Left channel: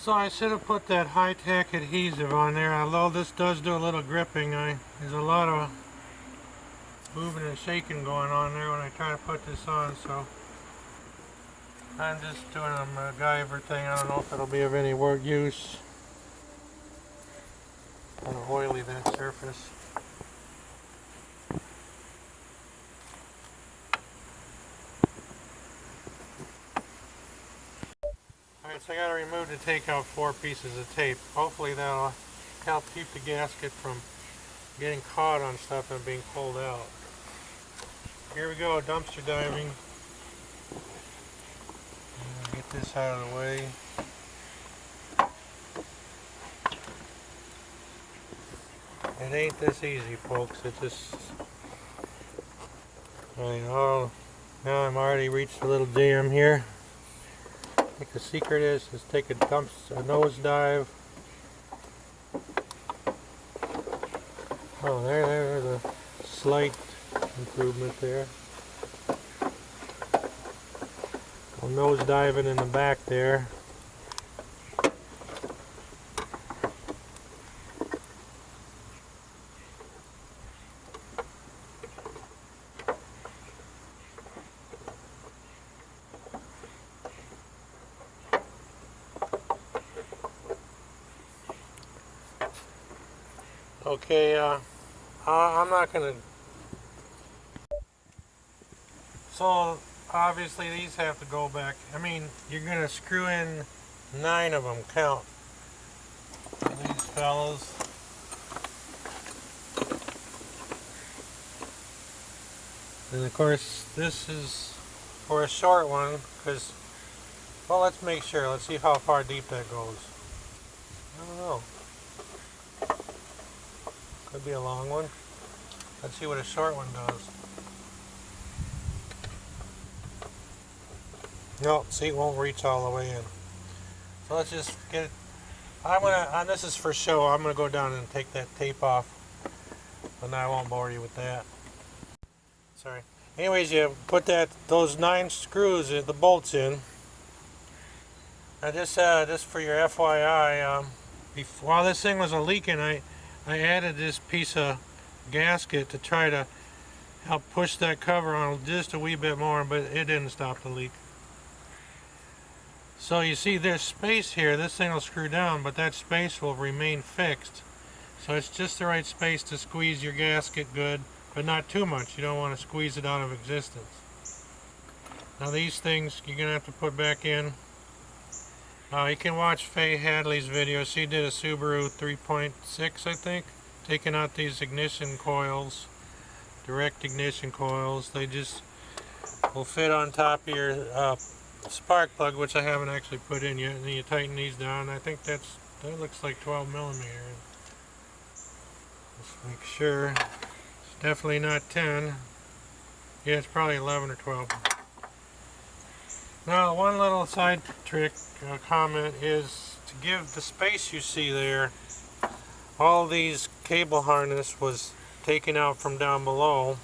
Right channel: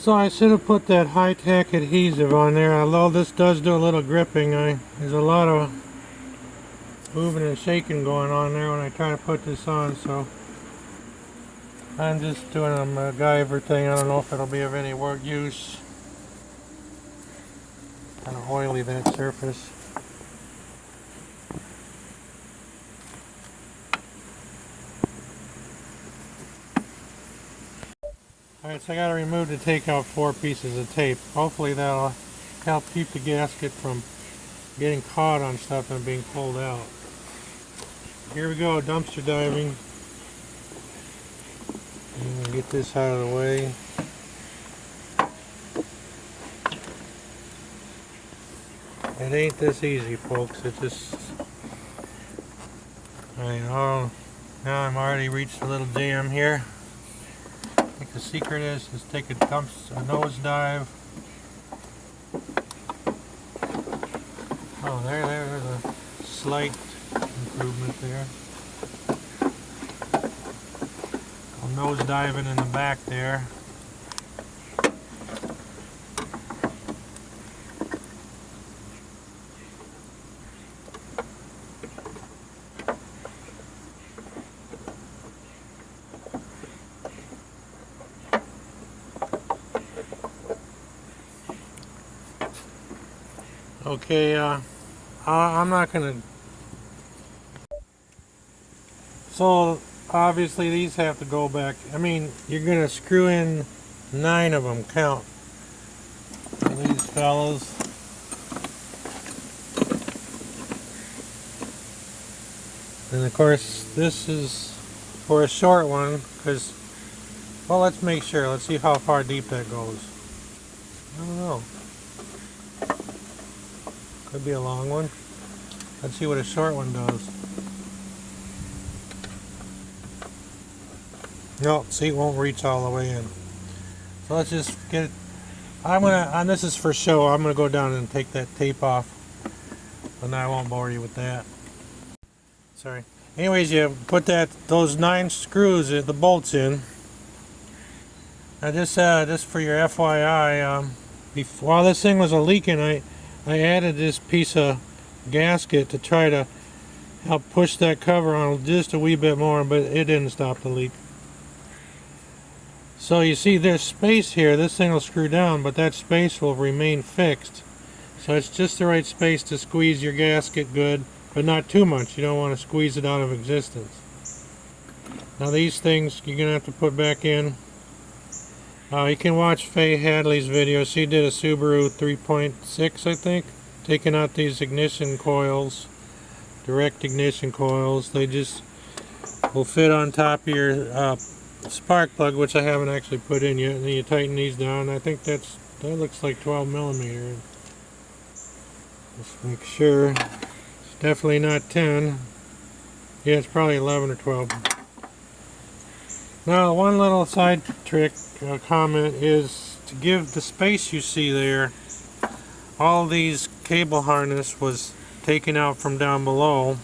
So I should have put that high-tech adhesive on there, although this does do a little gripping. There's a lot of moving and shaking going on there when I try to put this on, so I'm just doing a MacGyver thing. I don't know if it'll be of any use. Kind of oily, that surface. Alright, so I got to remove to take out 4 pieces of tape. Hopefully that'll help keep the gasket from getting caught on stuff and being pulled out. Here we go, dumpster diving. Get this out of the way. It ain't this easy, folks. It just... now I'm already reached a little jam here. I think the secret is take a nose dive. Oh, there's a slight improvement there. I'll nose dive it in the back there. Okay, I'm not gonna. So obviously these have to go back. I mean, you're gonna screw in 9 of them. Count these fellows. And of course, this is for a short one because. Well, let's make sure. Let's see how far deep that goes. I don't know. Could be a long one. Let's see what a short one does. No, see, it won't reach all the way in. So let's just get it. And this is for show. I'm gonna go down and take that tape off, but I won't bore you with that. Sorry. Anyways, you put those 9 screws, the bolts in. Now just for your FYI, while this thing was leaking, I added this piece of gasket to try to help push that cover on just a wee bit more, but it didn't stop the leak. So you see there's space here. This thing will screw down, but that space will remain fixed. So it's just the right space to squeeze your gasket good, but not too much. You don't want to squeeze it out of existence. Now these things you're going to have to put back in. You can watch Faye Hadley's video. She did a Subaru 3.6, I think, taking out these ignition coils, direct ignition coils. They just will fit on top of your spark plug, which I haven't actually put in yet. And then you tighten these down. I think that looks like 12 millimeter. Just make sure. It's definitely not 10. Yeah, it's probably 11 or 12. Now, one little side trick comment is to give the space you see there. All these cable harness was taken out from down below.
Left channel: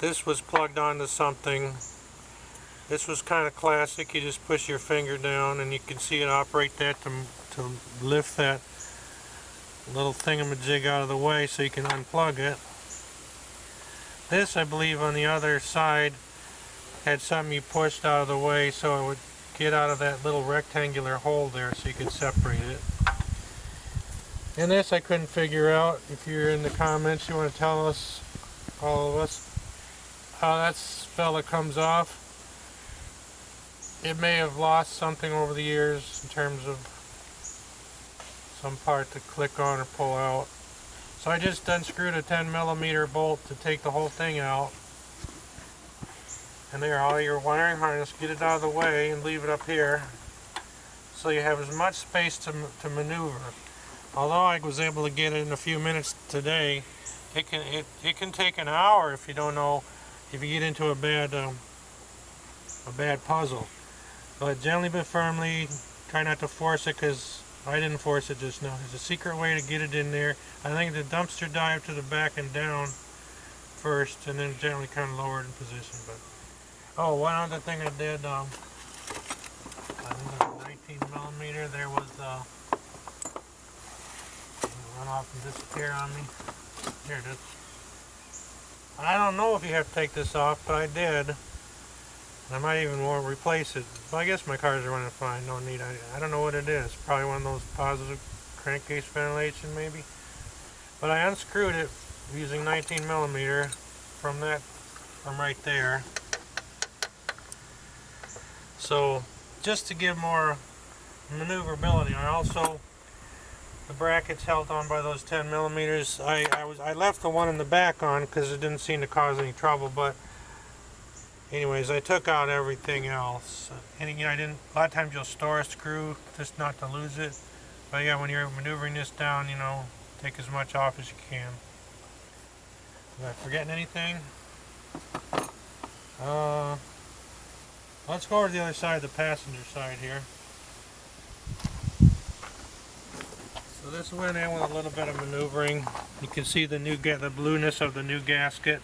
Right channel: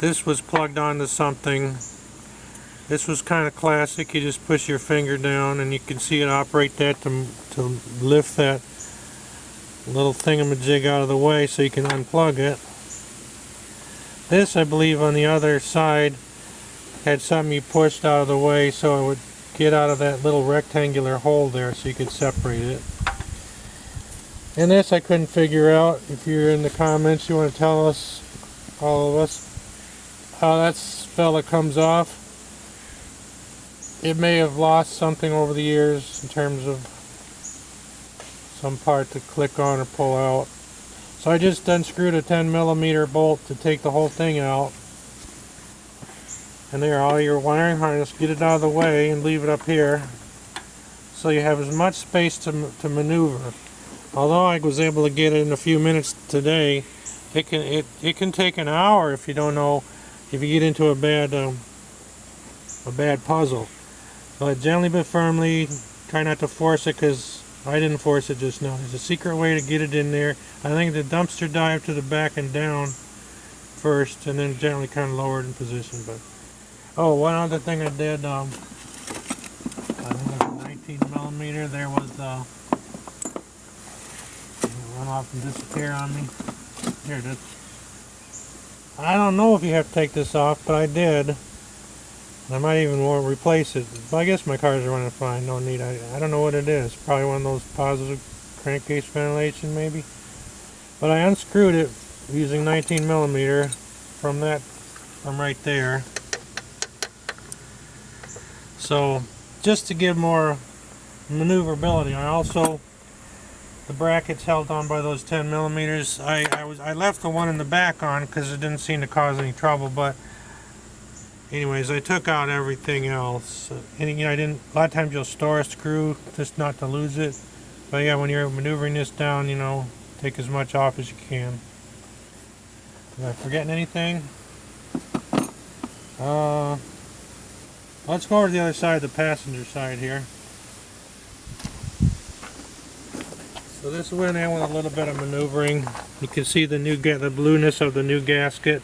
This was plugged onto something. This was kind of classic. You just push your finger down and you can see it operate that to lift that little thingamajig out of the way so you can unplug it. This, I believe, on the other side had something you pushed out of the way so it would get out of that little rectangular hole there so you could separate it. And this I couldn't figure out. If you're in the comments, you want to tell us, all of us, how that fella comes off. It may have lost something over the years in terms of some part to click on or pull out. So I just unscrewed a 10 millimeter bolt to take the whole thing out. And there, all your wiring harness, get it out of the way and leave it up here so you have as much space to maneuver. Although I was able to get it in a few minutes today, it can take an hour if you don't know, if you get into a bad puzzle. But gently but firmly, try not to force it, because I didn't force it just now. There's a secret way to get it in there. I think the dumpster dive to the back and down first, and then gently kind of lower it in position. But oh, one other thing I did, I think it's a 19 millimeter off and disappear on me. There it is. I don't know if you have to take this off, but I did. I might even want to replace it. But I guess my cars are running fine. No need. I don't know what it is. Probably one of those positive crankcase ventilation, maybe. But I unscrewed it using 19mm from right there. So just to give more maneuverability. I also, the brackets held on by those 10mm. I left the one in the back on because it didn't seem to cause any trouble. But anyways, I took out everything else. And I didn't. A lot of times you'll store a screw just not to lose it. But yeah, when you're maneuvering this down, take as much off as you can. Am I forgetting anything? Let's go over to the other side, the passenger side here. So this went in with a little bit of maneuvering. You can see the blueness of the new gasket.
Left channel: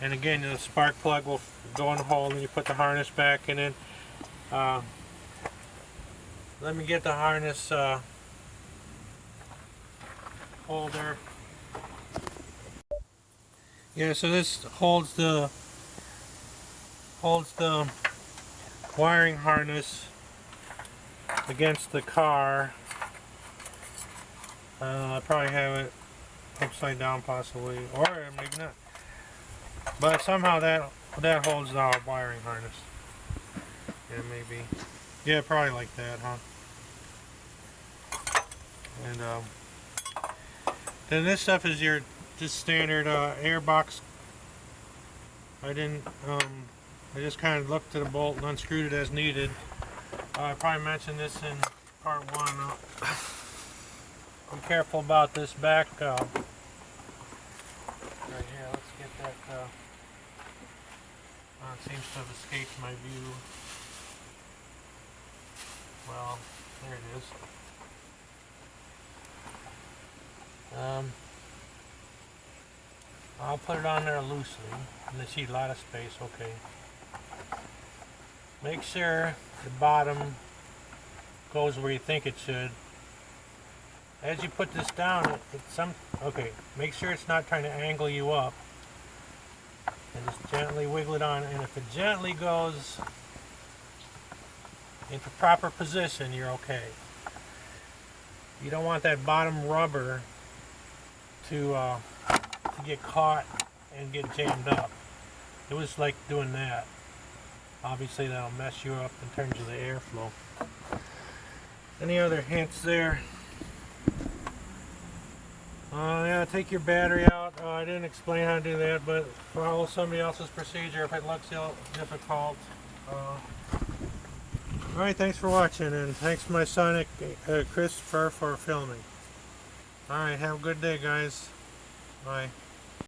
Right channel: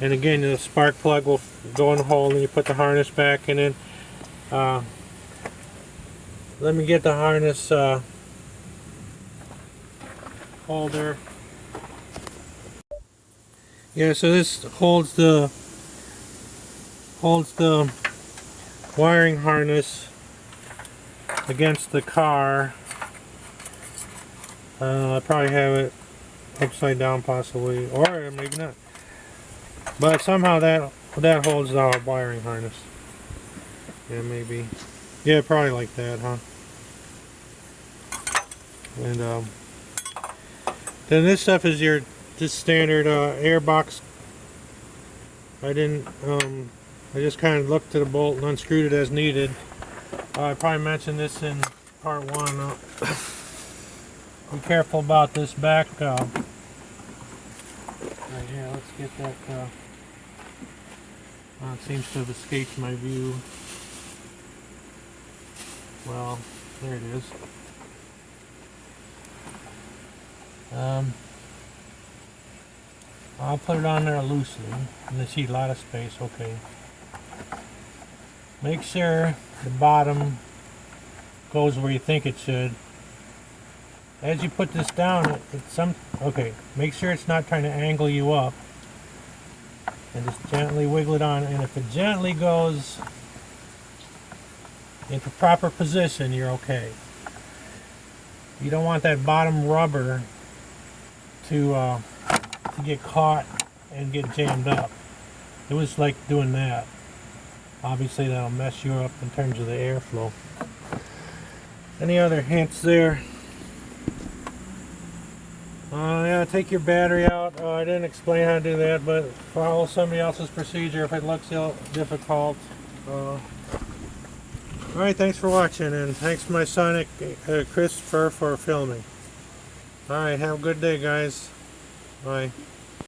And again, the spark plug will go in the hole and you put the harness back. And then let me get the harness holder. Yeah, so this holds the wiring harness against the car. I probably have it upside down possibly, or maybe not. But somehow that holds the wiring harness. Yeah, maybe. Yeah, probably like that, huh? And then this stuff is your just standard air box. I just kind of looked at the bolt and unscrewed it as needed. I probably mentioned this in part 1. Be careful about this back. Right here, let's get that. It seems to have escaped my view. Well, there it is. I'll put it on there loosely. And I see a lot of space. Okay. Make sure the bottom goes where you think it should. As you put this down, okay, make sure it's not trying to angle you up. And just gently wiggle it on, and if it gently goes into proper position, you're okay. You don't want that bottom rubber to get caught and get jammed up. It was like doing that. Obviously that'll mess you up in terms of the airflow. Any other hints there? Yeah, take your battery out. I didn't explain how to do that, but follow somebody else's procedure if it looks difficult. Alright, thanks for watching, and thanks to my son Christopher for filming. Alright, have a good day, guys. Bye.